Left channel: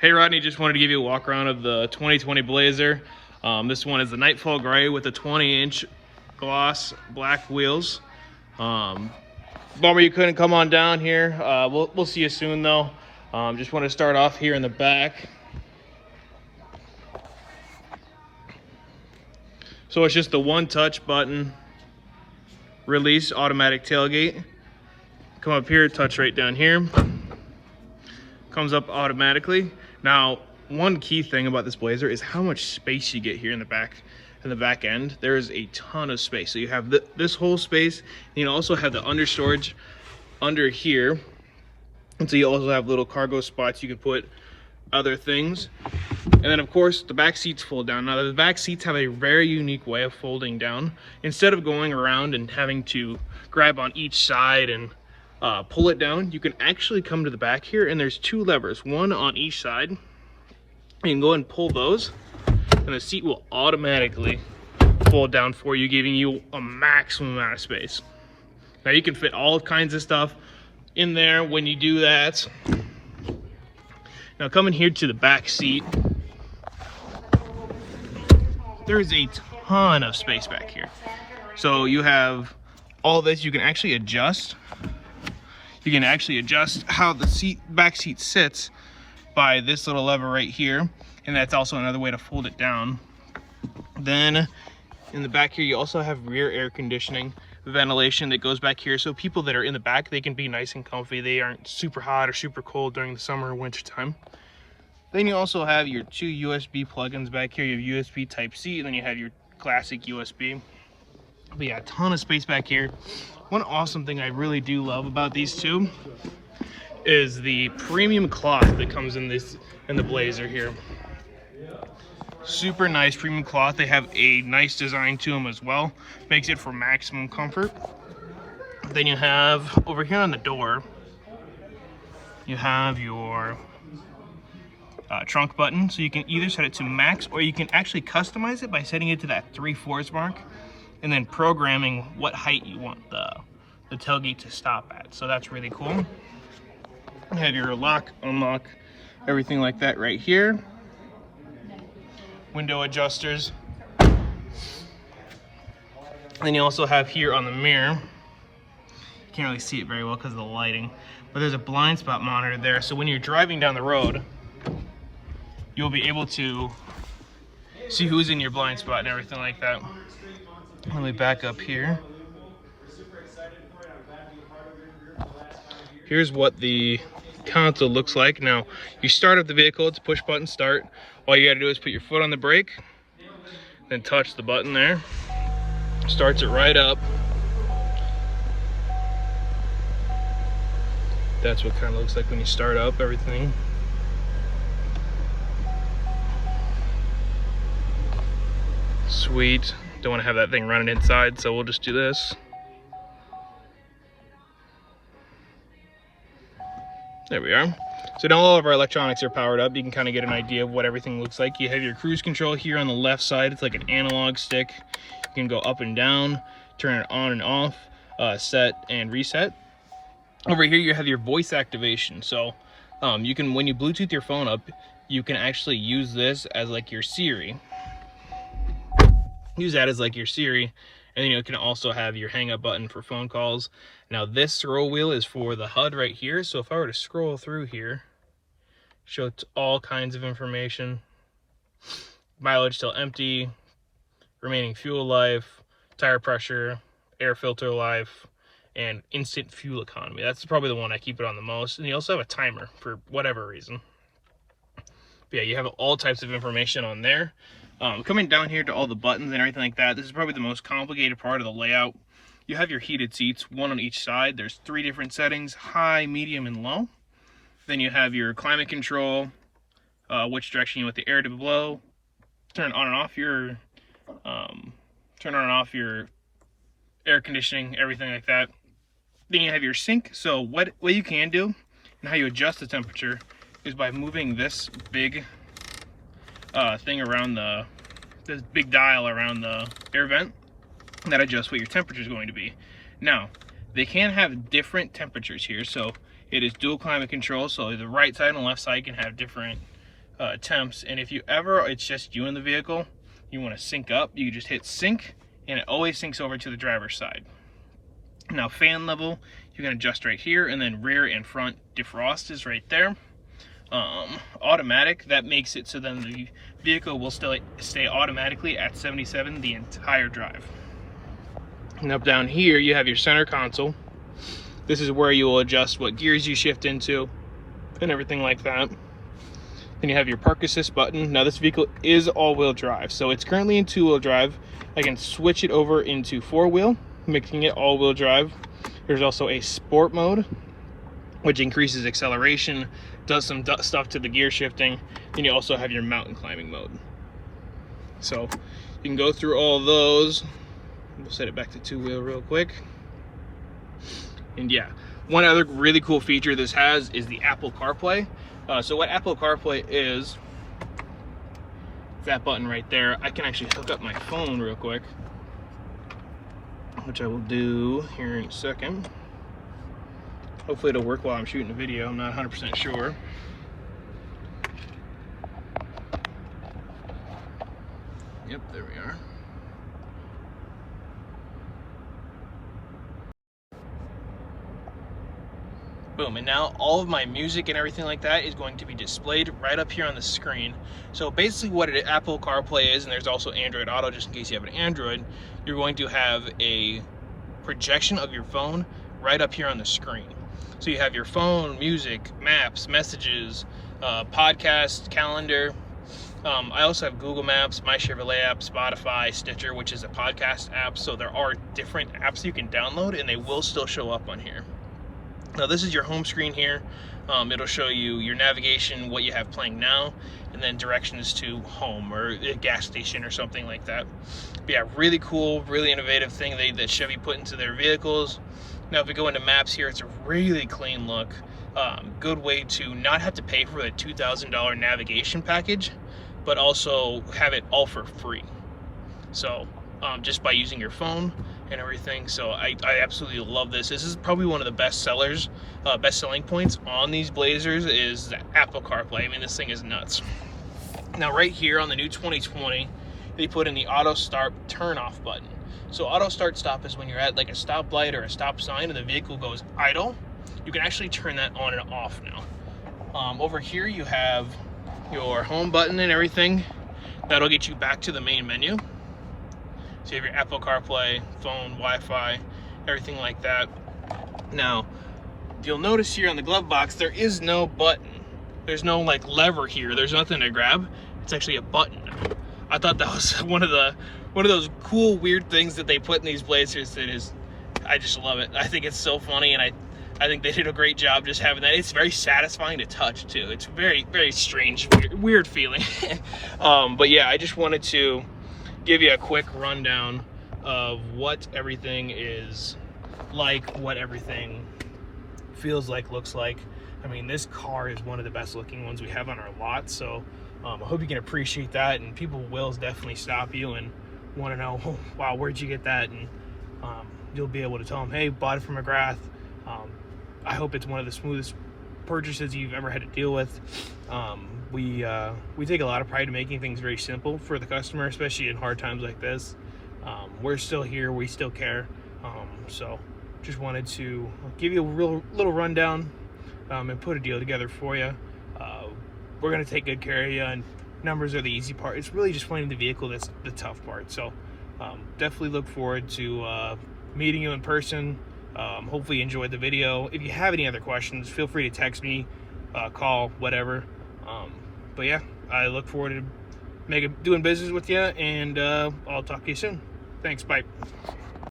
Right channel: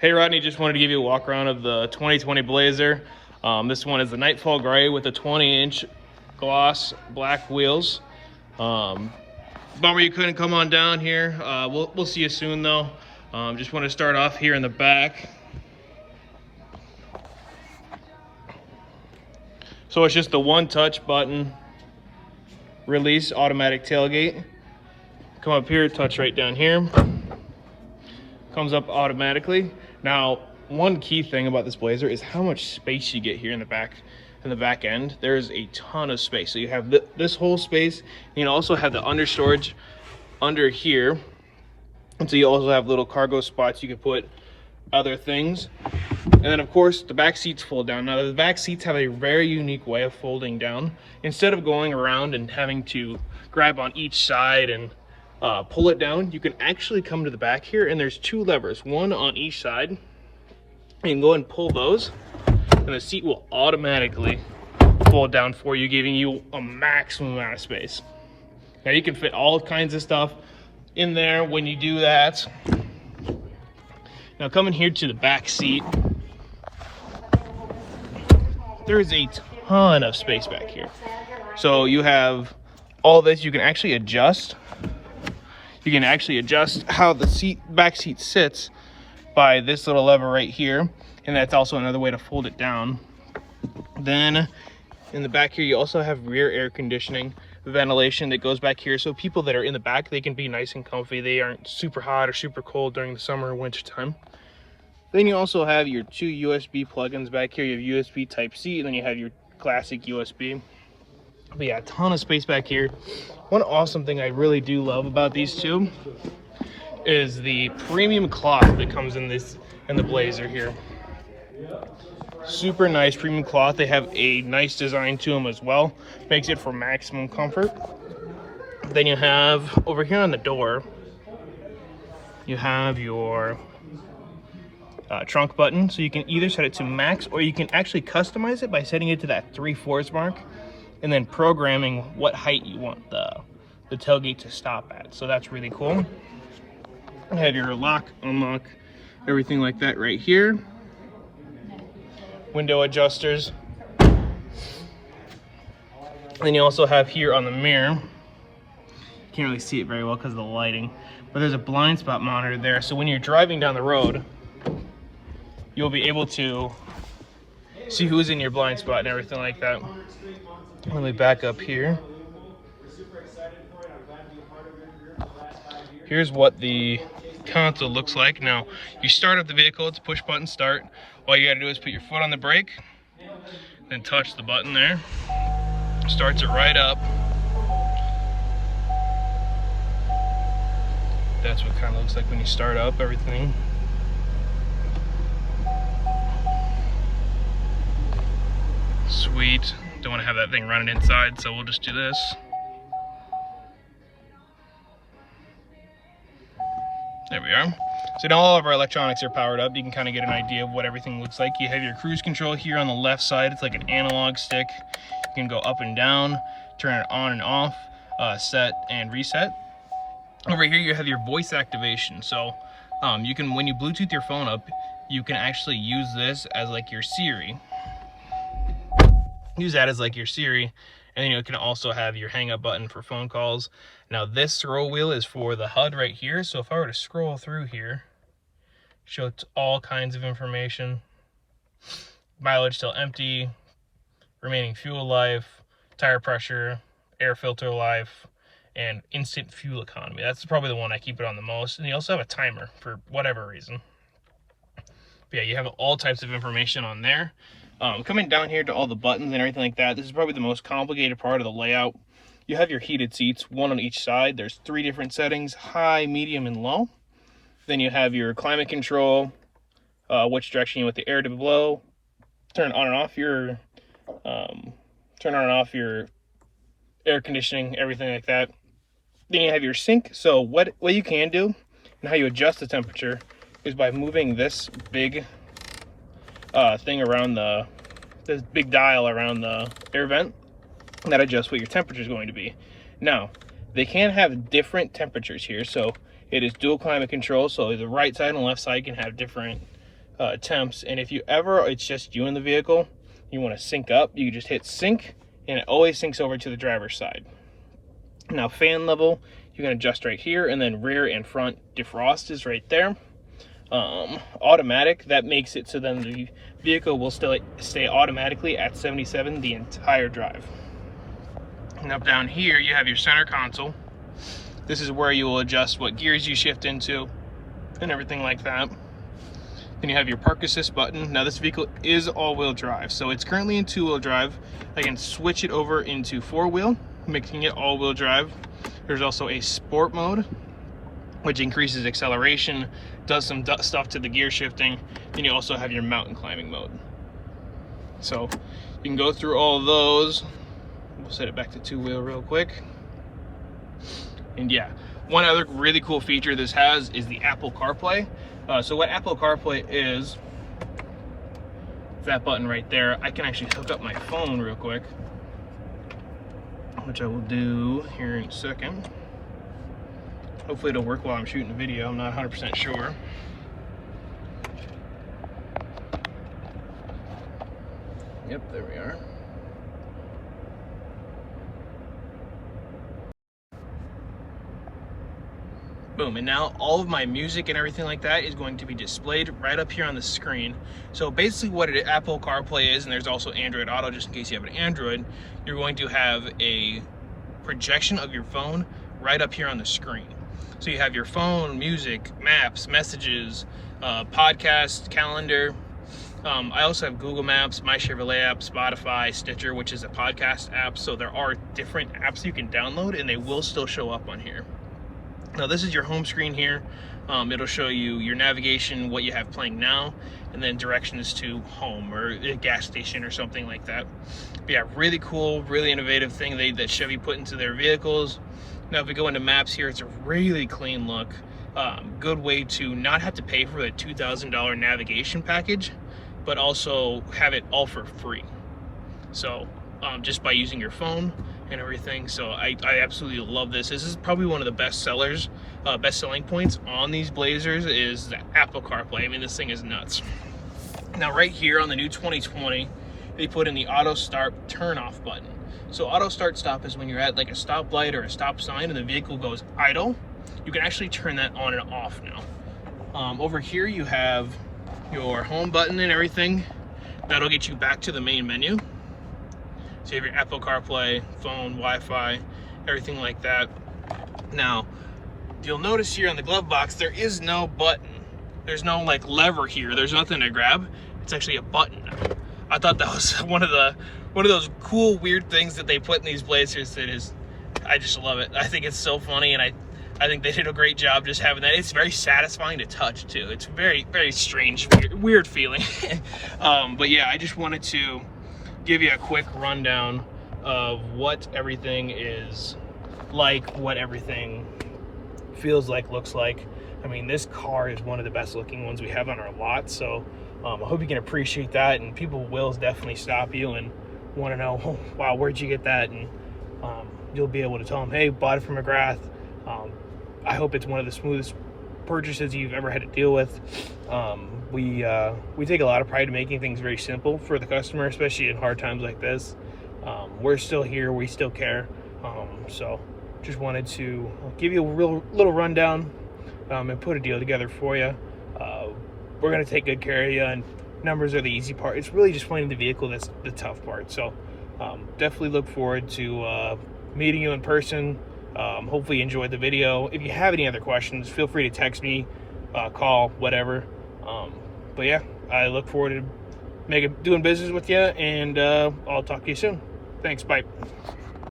Hey Rodney, just wanted to give you a walk around of the 2020 Blazer. This one is the Nightfall Gray with the 20-inch gloss black wheels. Bummer you couldn't come on down here. We'll see you soon though. Just want to start off here in the back. So it's just the one touch button, release automatic tailgate. Come up here, touch right down here. Comes up automatically. Now, one key thing about this Blazer is how much space you get here in the back end. There is a ton of space. So you have this whole space, and you also have the under storage under here. And so you also have little cargo spots you can put other things. And then of course the back seats fold down. Now the back seats have a very unique way of folding down. Instead of going around and having to grab on each side and pull it down, you can actually come to the back here, and there's two levers, one on each side. You can go and pull those, and the seat will automatically fold down for you, giving you a maximum amount of space. Now you can fit all kinds of stuff in there when you do that. Now coming here to the back seat, there's a ton of space back here. So you have all this, you can actually adjust. You can actually adjust how the back seat sits by this little lever right here, and that's also another way to fold it down. Then in the back here, you also have rear air conditioning, ventilation that goes back here, so people that are in the back, they can be nice and comfy. They aren't super hot or super cold during the summer or winter time. Then you also have your two USB plugins back here. You have USB Type-C, and then you have your classic USB. But yeah, a ton of space back here. One awesome thing I really do love about these two is the premium cloth that comes in the Blazer here. Super nice premium cloth. They have a nice design to them as well. Makes it for maximum comfort. Then you have over here on the door, you have your trunk button. So you can either set it to max, or you can actually customize it by setting it to that 3/4 mark, and then programming what height you want the tailgate to stop at. So that's really cool. You have your lock, unlock, everything like that right here. Window adjusters. Then you also have here on the mirror, can't really see it very well because of the lighting, but there's a blind spot monitor there. So when you're driving down the road, you'll be able to see who's in your blind spot and everything like that. Let me back up here. Here's what the console looks like. Now, you start up the vehicle, it's push button start. All you gotta do is put your foot on the brake, then touch the button there. Starts it right up. That's what it kind of looks like when you start up everything. Sweet. Don't want to have that thing running inside, so we'll just do this. There we are. So now all of our electronics are powered up. You can kind of get an idea of what everything looks like. You have your cruise control here on the left side. It's like an analog stick. You can go up and down, turn it on and off, set and reset. Over here you have your voice activation. So you can, when you Bluetooth your phone up, you can actually use this as like your Siri. Use that as like your Siri, and then you can also have your hang up button for phone calls. Now this scroll wheel is for the HUD right here, so if I were to scroll through here, show all kinds of information: mileage till empty, remaining fuel life, tire pressure, air filter life, and instant fuel economy. That's probably the one I keep it on the most. And you also have a timer for whatever reason. But yeah, you have all types of information on there. Coming down here to all the buttons and everything like that, this is probably the most complicated part of the layout. You have your heated seats, one on each side. There's 3 different settings: high, medium, and low. Then you have your climate control, which direction you want the air to blow, turn on and off your air conditioning, everything like that. Then you have your sync. So what you can do and how you adjust the temperature is by moving this big thing around this big dial around the air vent, and that adjusts what your temperature is going to be. Now, they can have different temperatures here, so it is dual climate control, so the right side and left side can have different temps. And if you ever, it's just you in the vehicle, you want to sync up, you just hit sync, and it always syncs over to the driver's side. Now fan level, you can adjust right here, and then rear and front defrost is right there. Automatic, that makes it so then the vehicle will still stay automatically at 77 the entire drive. And up down here, you have your center console. This is where you will adjust what gears you shift into and everything like that. Then you have your park assist button. Now this vehicle is all-wheel drive, so it's currently in 2-wheel drive. I can switch it over into 4-wheel, making it all-wheel drive. There's also a sport mode, which increases acceleration, does some stuff to the gear shifting. Then you also have your mountain climbing mode. So you can go through all those. We'll set it back to 2-wheel real quick. And yeah, one other really cool feature this has is the Apple CarPlay. So what Apple CarPlay is that button right there. I can actually hook up my phone real quick, which I will do here in a second. Hopefully it'll work while I'm shooting a video. I'm not 100% sure. Yep, there we are. Boom, and now all of my music and everything like that is going to be displayed right up here on the screen. So basically what Apple CarPlay is, and there's also Android Auto just in case you have an Android, you're going to have a projection of your phone right up here on the screen. So you have your phone, music, maps, messages, podcast, calendar. I also have Google Maps, My Chevrolet app, Spotify, Stitcher, which is a podcast app. So there are different apps you can download and they will still show up on here. Now this is your home screen here. It'll show you your navigation, what you have playing now, and then directions to home or a gas station or something like that. But yeah, really cool, really innovative thing that Chevy put into their vehicles. Now if we go into maps here, it's a really clean look. Good way to not have to pay for the $2,000 navigation package, but also have it all for free. So just by using your phone and everything. So I absolutely love this. This is probably one of the best selling points on these Blazers is the Apple CarPlay. I mean, this thing is nuts. Now right here on the new 2020, they put in the auto start turn off button. So auto start stop is when you're at like a stoplight or a stop sign and the vehicle goes idle. You can actually turn that on and off now. Over here you have your home button and everything. That'll get you back to the main menu. So you have your Apple CarPlay, phone, Wi-Fi, everything like that. Now, you'll notice here on the glove box, there is no button. There's no like lever here. There's nothing to grab. It's actually a button. I thought that was one of those cool, weird things that they put in these Blazers that is, I just love it. I think it's so funny, and I think they did a great job just having that. It's very satisfying to touch too. It's very, very strange, weird feeling. But yeah, I just wanted to give you a quick rundown of what everything is like, what everything feels like, looks like. I mean, this car is one of the best looking ones we have on our lot, so I hope you can appreciate that, and people will definitely stop you and want to know, oh, wow, where'd you get that? And you'll be able to tell them, hey, bought it from McGrath. I hope it's one of the smoothest purchases you've ever had to deal with. We take a lot of pride in making things very simple for the customer, especially in hard times like this. We're still here, we still care. So just wanted to give you a little rundown and put a deal together for you. We're gonna take good care of you, and numbers are the easy part. It's really just finding the vehicle that's the tough part. So definitely look forward to meeting you in person. Hopefully you enjoyed the video. If you have any other questions, feel free to text me, call, whatever. But yeah, I look forward to doing business with you, and I'll talk to you soon. Thanks, bye.